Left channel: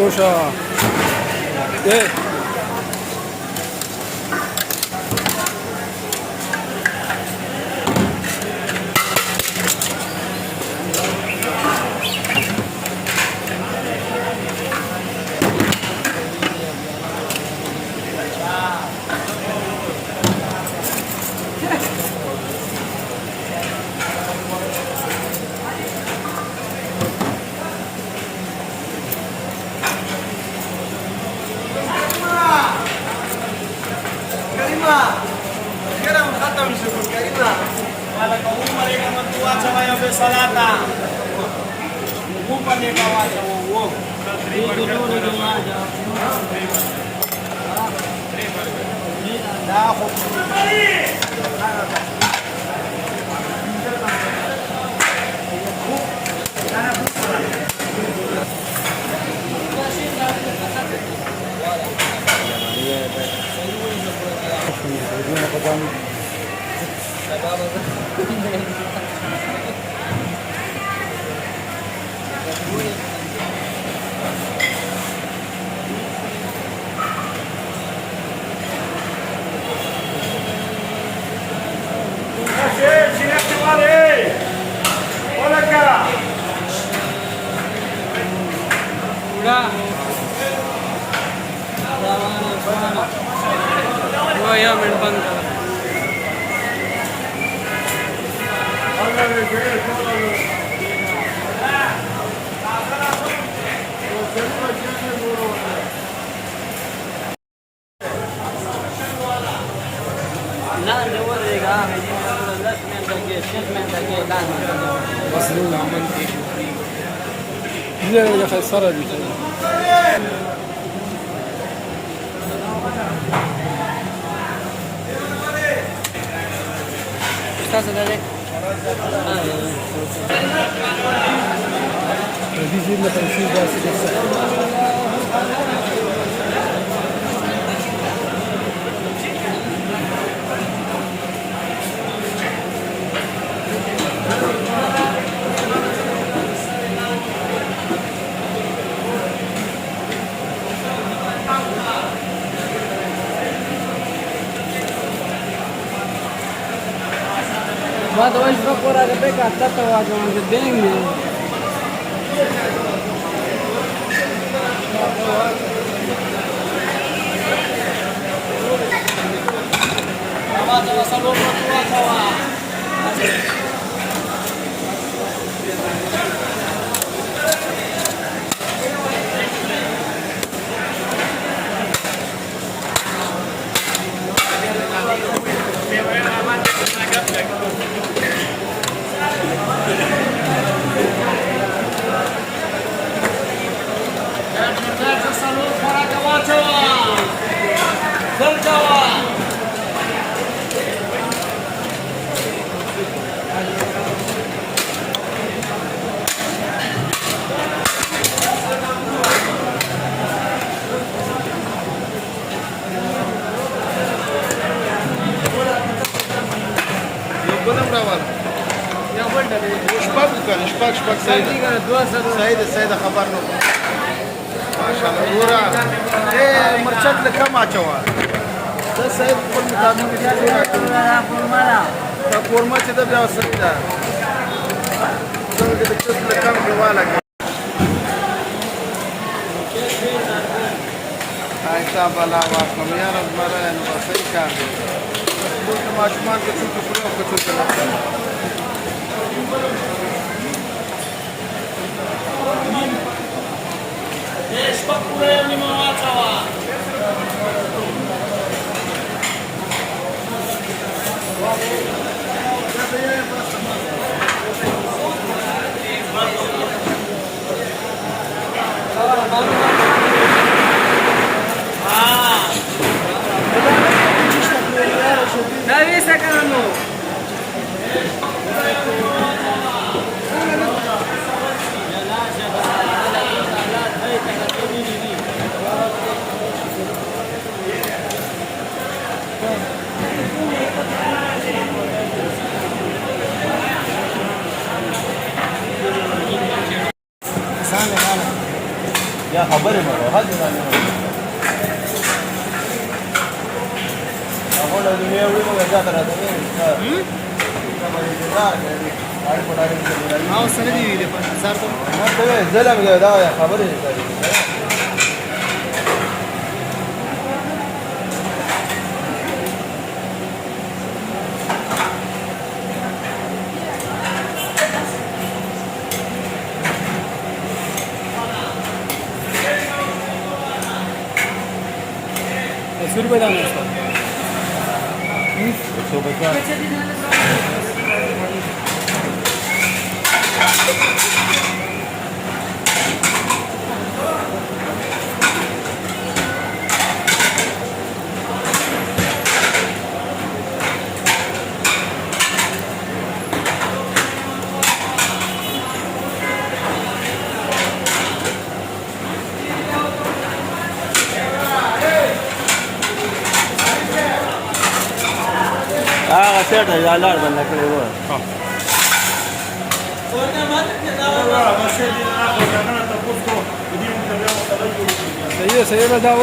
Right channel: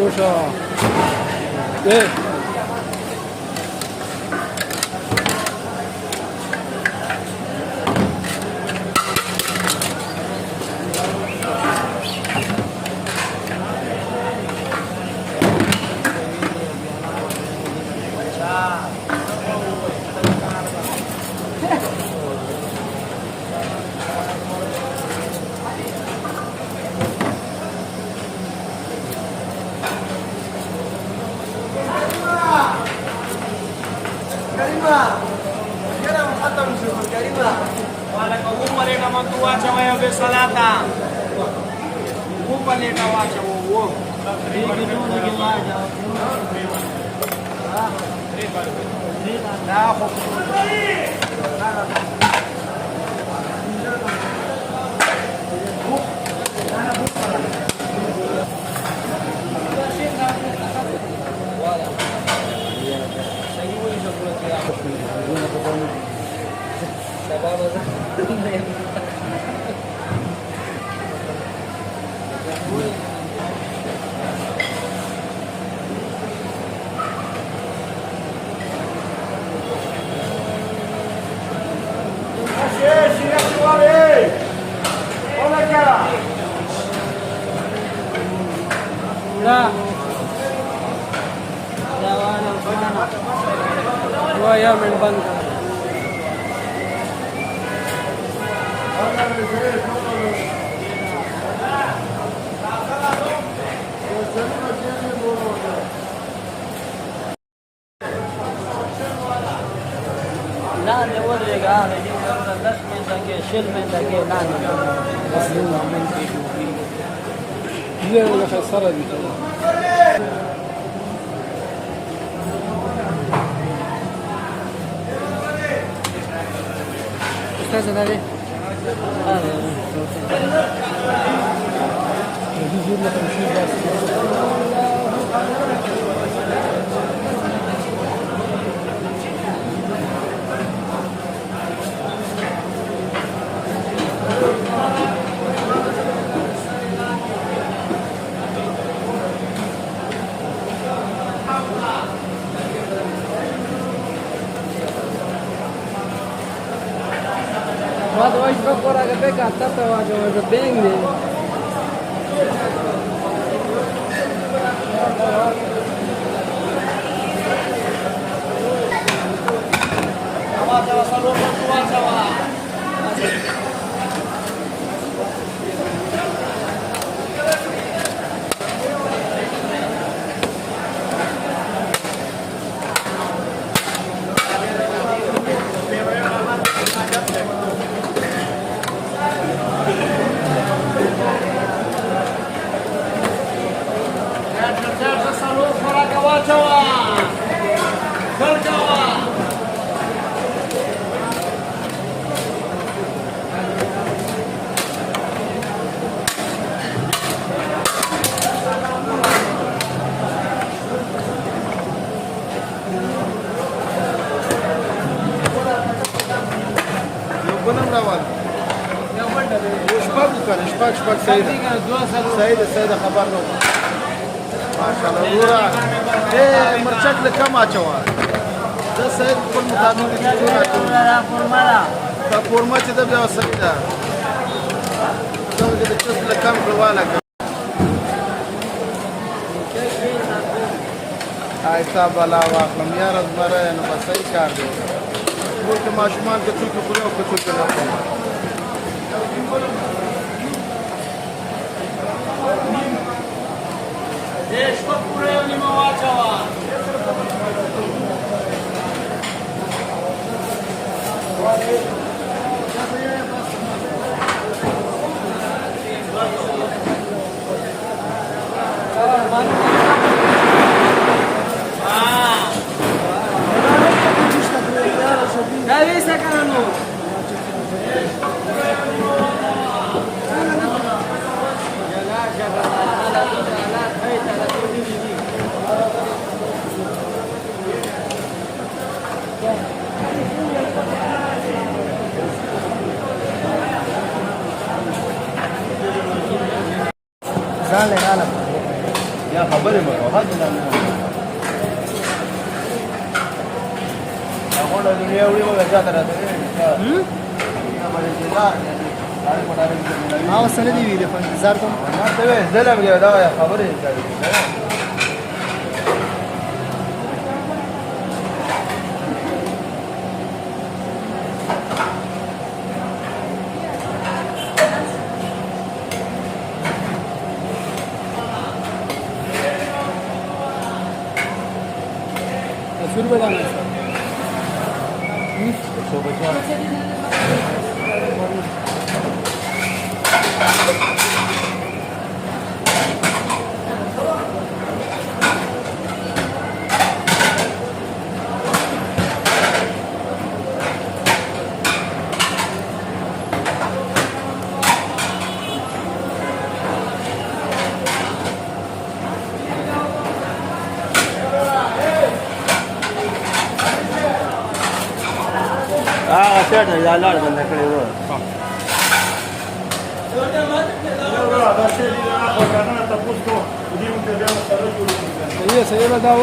Dosha. Yeah. يا خسارة دي استاذ عليك دي لنا 50 بس Hoje vou por ali pegar tatuagem, mas é bem mesmo. شباك سيدة خبرنا ما شاء الله ورا ايه مرشد لكم اچوا ده سيد كل مطابق لا فورمالا فورما چې د بیا وسته دا د څه لکم دواله آیتا بلا واکم یار زمره نو صحیح کار دی ټول ماشومان چې څه کوي شپږ پورې نیمه واچوه أقول الدنيا وين ما جات هذا हाँ सर दी हुई सर तो ما تبي زلم كذا يا خبر ₹100 दाना सर غسيت يا لا ولا كده सही है बताओ